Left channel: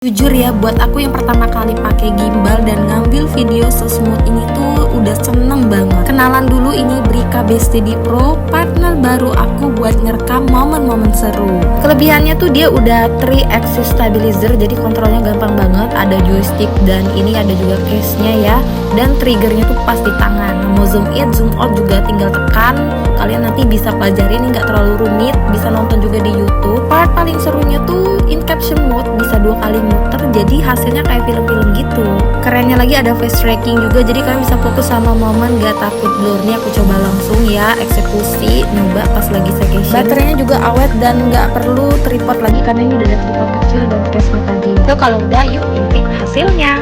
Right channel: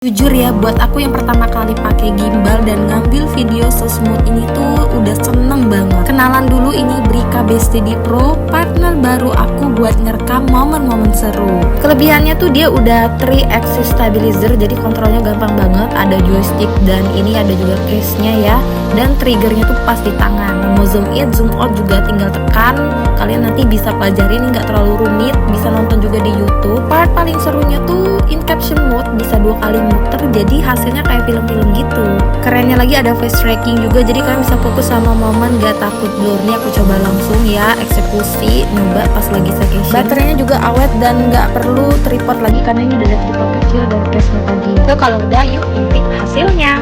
Jujur ya, buat aku yang pertama kali pakai gimbal dan ngambil video sesmooth ini tuh udah seneng banget. Kenalan dulu, ini Brika B-Steady Pro, partner baru aku buat ngerekam momen-momen seru. Kelebihannya tuh dia udah 3-axis stabilizer, jadi kontrolnya gampang banget. Ada joystick dan ini ada juga case-nya ya. Dan triggernya tuh pas di tangan. Mau zoom in, zoom out juga tinggal tekan. Kalian nanti bisa pelajari, ini nggak terlalu rumit. Bisa nonton juga di YouTube. Part paling serunya tuh in caption mode, bisa 2 kali muter, jadi hasilnya kayak film-film gitu. Kerennya lagi ada face tracking juga, jadi kalian bisa fokus sama momen, gak takut blur. Nih aku coba langsung ya, eksekusi, nyoba pas lagi staycation. Baterainya juga awet dan gak perlu tripod lagi karena ini udah ada tripod kecil dan case-nya tadi. So kalau udah, yuk intip hasilnya.